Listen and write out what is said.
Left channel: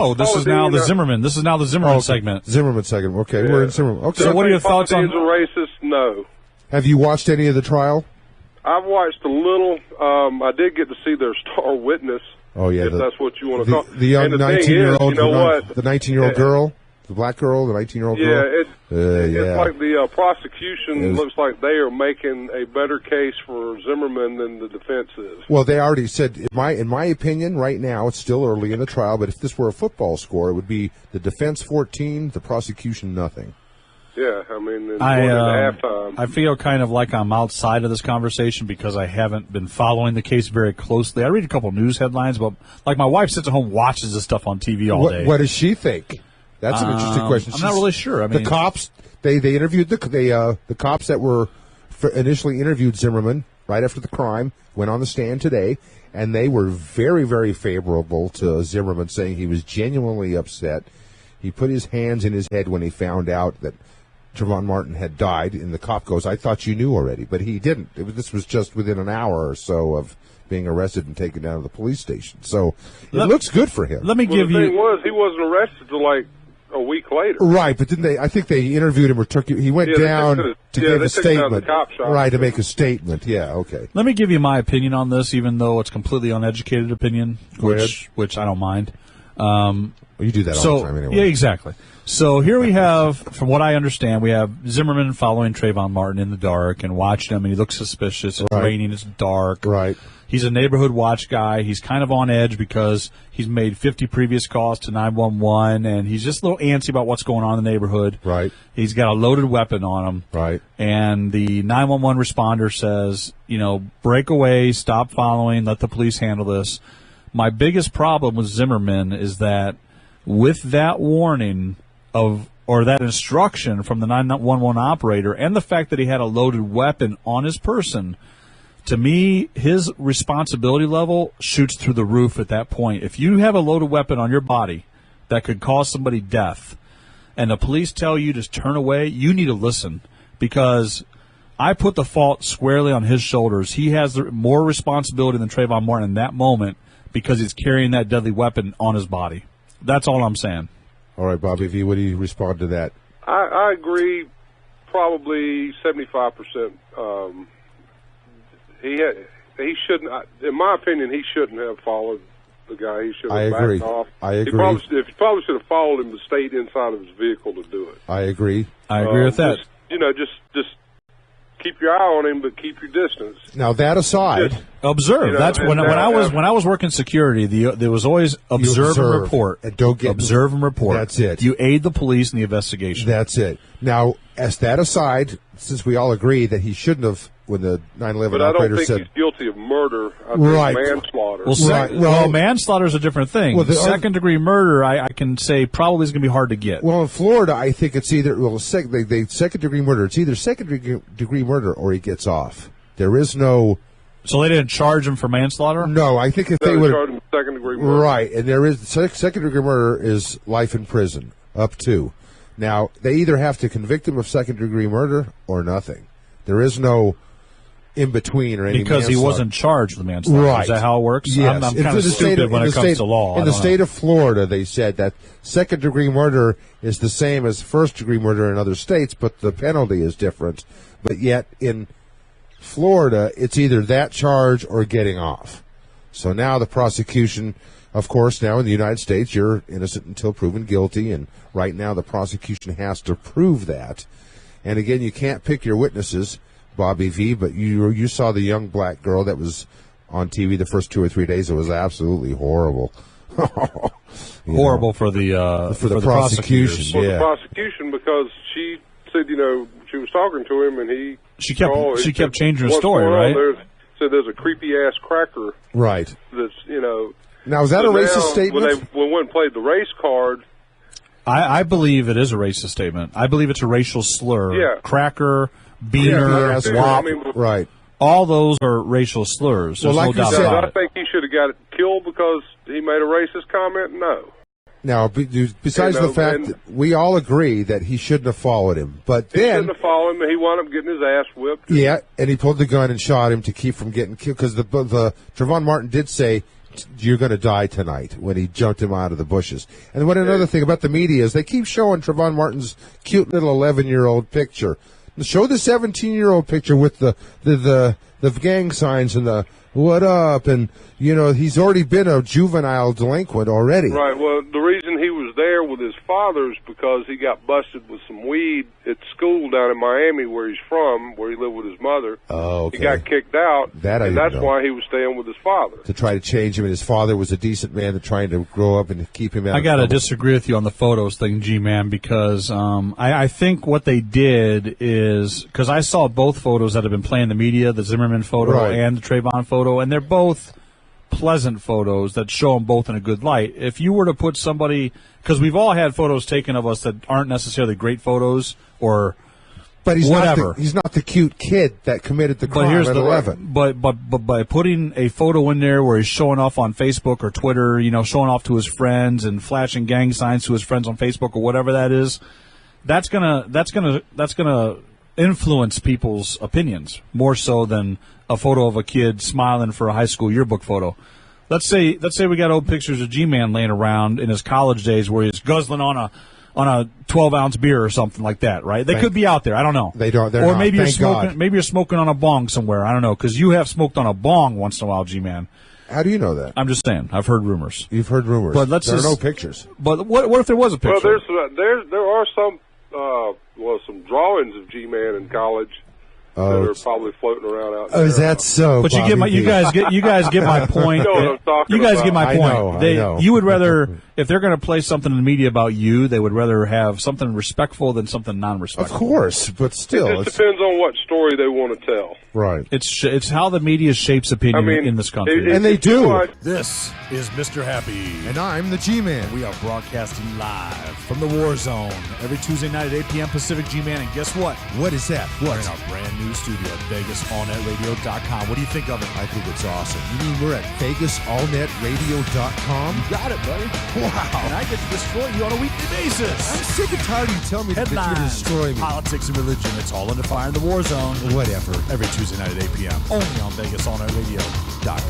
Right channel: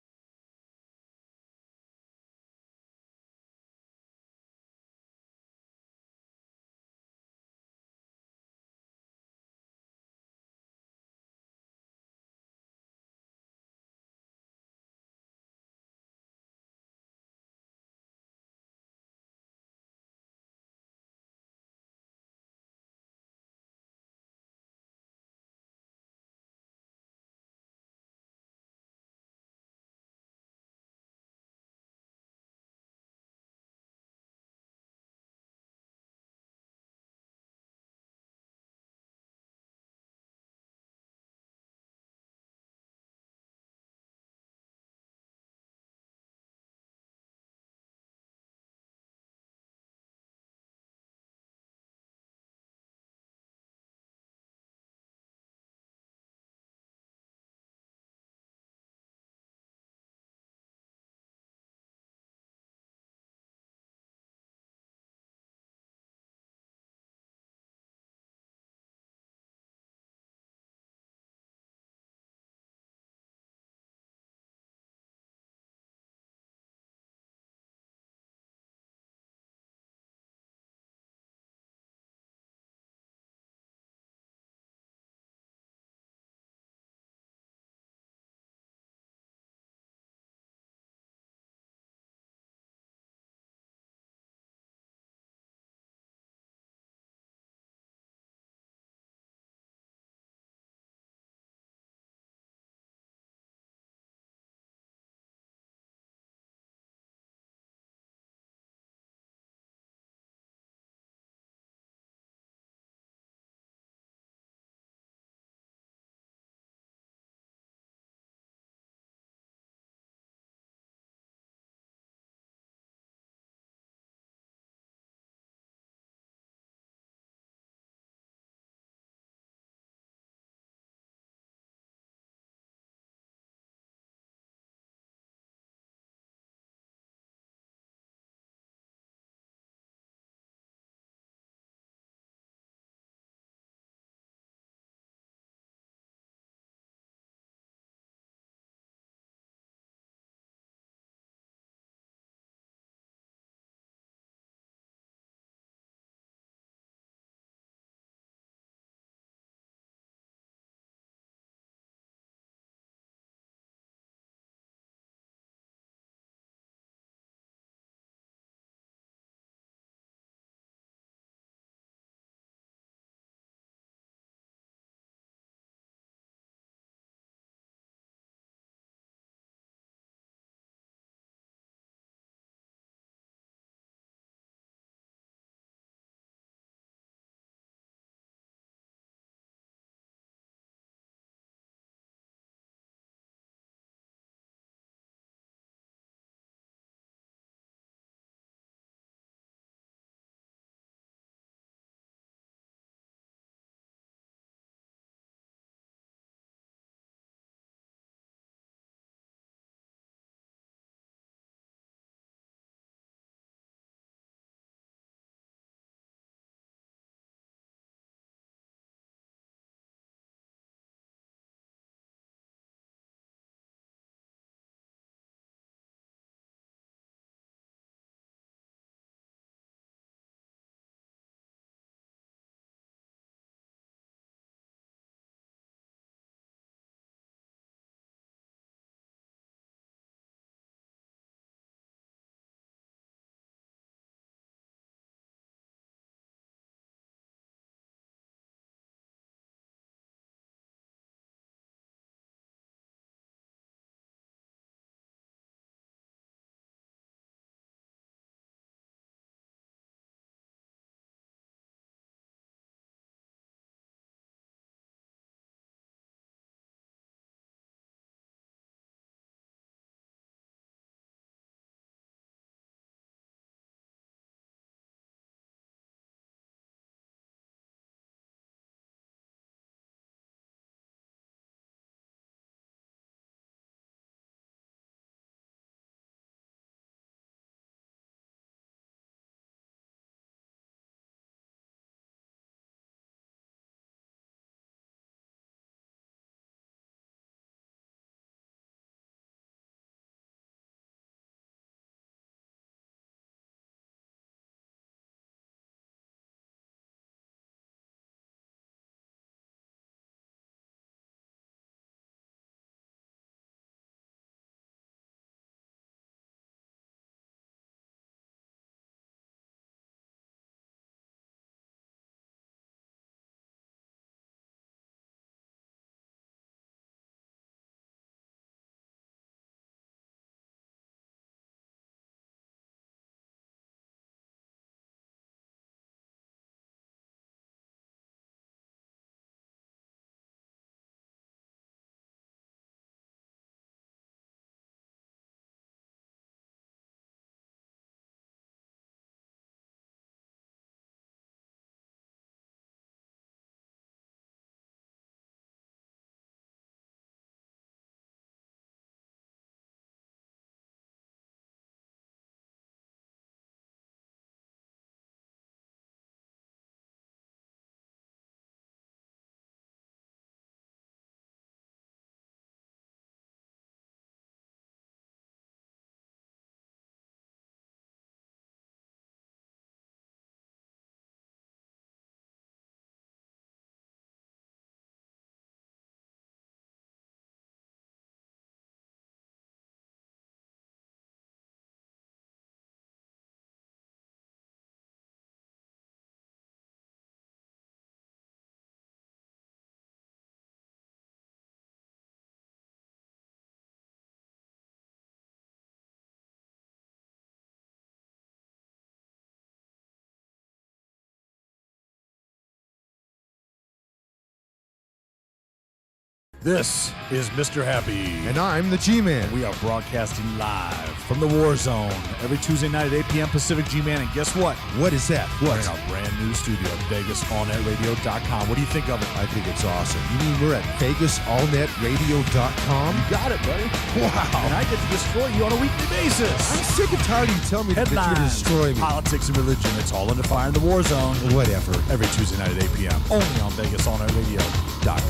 Oh, this is now the Zimmerman. This is now the Zimmerman segment. Zimmerman segment. Okay, we're in Zimmerman. Okay. So what are your thoughts on? Is a racist? No. Have you watched any of the trial? I've watched a little. I did get to see their star witness. Oh yeah, if that's what you want to call the young 19-year-old. You know what? The 19-year-old girl, the black girl, the 19-year-old girl. It's like the prosecution looks like they are making a better case for Zimmerman than the defense is. Well, they already said, in my opinion, right now it's still early in the trial. But if this were a football score, it would be the defense 14, the prosecution nothing. Yeah, I mean, halftime. I feel kind of like I'm outside of this conversation because I haven't been following the case very closely. I read a couple news headlines, but like my wife sits at home, watches this stuff on TV all day. What does she think? That's an interesting question. I'm not really sure. I mean, the cops they interviewed the cops that were initially interviewed Zimmerman right after the crime went on the stand today, and they were very, very favorable to Zimmerman, saying he was genuinely upset. He put his hands in his head when he found out that Trayvon Martin had died, and the cop goes, "I thought you knew already," but he didn't. This was just within an hour or so of being arrested and taken down to the police station. So it looks good for him. Let me give you. The thing was, he wasn't arrested till like a week later. Right, but didn't they? I think they interviewed him or took. He went down to give a statement. Right, to make a statement. Yeah, okay. Let me give you my opinion on this, even though it's completely uneducated opinion, which I don't mind. You do that all the time anyway. Yeah, exactly. So here we have, from what I understand, we have Zimmerman following Trayvon Martin in the dark and watching him, and he looks suspicious. It's raining, it's dark. Right. He's a neighborhood watch guy. He's kind of on edge because he's made 50 previous calls to 911, and he's just a little antsy about what's going on in the neighborhood. Right. He's got a loaded weapon on him. Right. And the 911 responder says, break away, stop following, let the police handle this. My biggest problem with Zimmerman is that with that warning or that instruction from the 911 operator and the fact that he had a loaded weapon on his person, to me, his responsibility level shoots through the roof at that point. If you have a loaded weapon on your body that could cause somebody death and the police tell you to turn away, you need to listen, because I put the fault squarely on his shoulders. He has more responsibility than Trayvon Martin in that moment because he's carrying that deadly weapon on his body. That's all I'm saying. All right, Bobby V., what do you respond to that? I agree, probably 75%. He shouldn't. In my opinion, he shouldn't have followed the guy. He should have backed off. I agree. He probably should have followed him, but stayed inside of his vehicle to do it. I agree. I agree with that. Just keep your eye on him, but keep your distance. Now that aside, observe. That's when I was working security. There was always observe and report. And don't get observe and report. That's it. You aid the police in the investigation. That's it. Now, as that aside, since we all agree that he shouldn't have, when the 9/11 operator said, he's guilty of murder. I think manslaughter. Well, manslaughter is a different thing. Well, second-degree murder, I can say probably is going to be hard to get. Well, in Florida, I think it's either second-degree murder. It's either second-degree murder or he gets off. There is no. So they didn't charge him for manslaughter? No, I think if they would charge him second-degree murder. Right, and there is second-degree murder is life in prison up to. Now they either have to convict him of second-degree murder or nothing. There is no in between or any because he wasn't charged with manslaughter. Right. Is that how it works? Yes. I'm kind of stupid when it comes to law. In the state of Florida, they said that second-degree murder is the same as first-degree murder in other states, but the penalty is different. But yet in Florida, it's either that charge or getting off. So now the prosecution, of course, now in the United States, you're innocent until proven guilty, and right now the prosecution has to prove that. And again, you can't pick your witnesses, Bobby V., but you saw the young black girl that was on TV the first 2 or 3 days. It was absolutely horrible. Horrible for the prosecution. For the prosecution, because she said, she was talking to him, and she kept changing her story, right? There's a creepy ass cracker, right? That's Now is that a racist statement? When they went and played the race card. I believe it is a racist statement. I believe it's a racial slur. Yeah. Cracker, beaner, wop, right. All those are racial slurs. There's no doubt about it. I think he should have got killed because he made a racist comment? No. Now, besides the fact that we all agree that he shouldn't have followed him, but he shouldn't have followed him, and he wound up getting his ass whipped. Yeah, and he pulled the gun and shot him to keep from getting killed, because the Trayvon Martin did say, you're going to die tonight when he jumped him out of the bushes. And what another thing about the media is they keep showing Trayvon Martin's cute little 11-year-old picture. Show the 17-year-old picture with the gang signs and the what up, and he's already been a juvenile delinquent already. Right. Well, the reason he was there with his father is because he got busted with some weed at school down in Miami, where he's from, where he lived with his mother. Oh, okay. He got kicked out, and that's why he was staying with his father. To try to change him, and his father was a decent man to trying to grow up and keep him out. I got to disagree with you on the photos thing, G-Man, because I think what they did is, because I saw both photos that have been playing in the media, the Zimmerman photo and the Trayvon photo, and they're both pleasant photos that show them both in a good light. If you were to put somebody, because we've all had photos taken of us that aren't necessarily great photos or but he's whatever. He's not the cute kid that committed the crime at 11. But by putting a photo in there where he's showing off on Facebook or Twitter, showing off to his friends and flashing gang signs to his friends on Facebook or whatever that is, that's gonna influence people's opinions more so than a photo of a kid smiling for a high school yearbook photo. Let's say we got old pictures of G-Man laying around in his college days where he's guzzling on a 12-ounce beer or something like that, right? They could be out there. I don't know. They don't. Or maybe you're smoking. Maybe you're smoking on a bong somewhere. I don't know, because you have smoked on a bong once in a while, G-Man. How do you know that? I'm just saying. I've heard rumors. You've heard rumors, but there are no pictures. But what if there was a picture? Well, there are some some drawings of G-Man in college. That are probably floating around out there. Oh, is that so? But you guys get my point. You guys get my point. I know. You would rather, if they're going to play something in the media about you, they would rather have something respectful than something non-respectful. Of course, but still, it just depends on what story they want to tell. Right. It's how the media shapes opinion in this country, and they do. This is Mr. Happy, and I'm the G-Man. We are broadcasting live from the WarZone every Tuesday night at 8 p.m. Pacific. G-Man, and guess what? What is that? We're in our brand new studio at VegasAllNetRadio.com. What do you think of it? I think it's awesome. You mean we're at VegasAllNetRadio.com? You got it, buddy. Wow. And I get to destroy you on a weekly basis. I'm sick and tired of you telling me that you're going to destroy me. Politics and religion. It's all under fire in the WarZone. Whatever. Every Tuesday night at 8 p.m. Only on VegasAllNetRadio.com.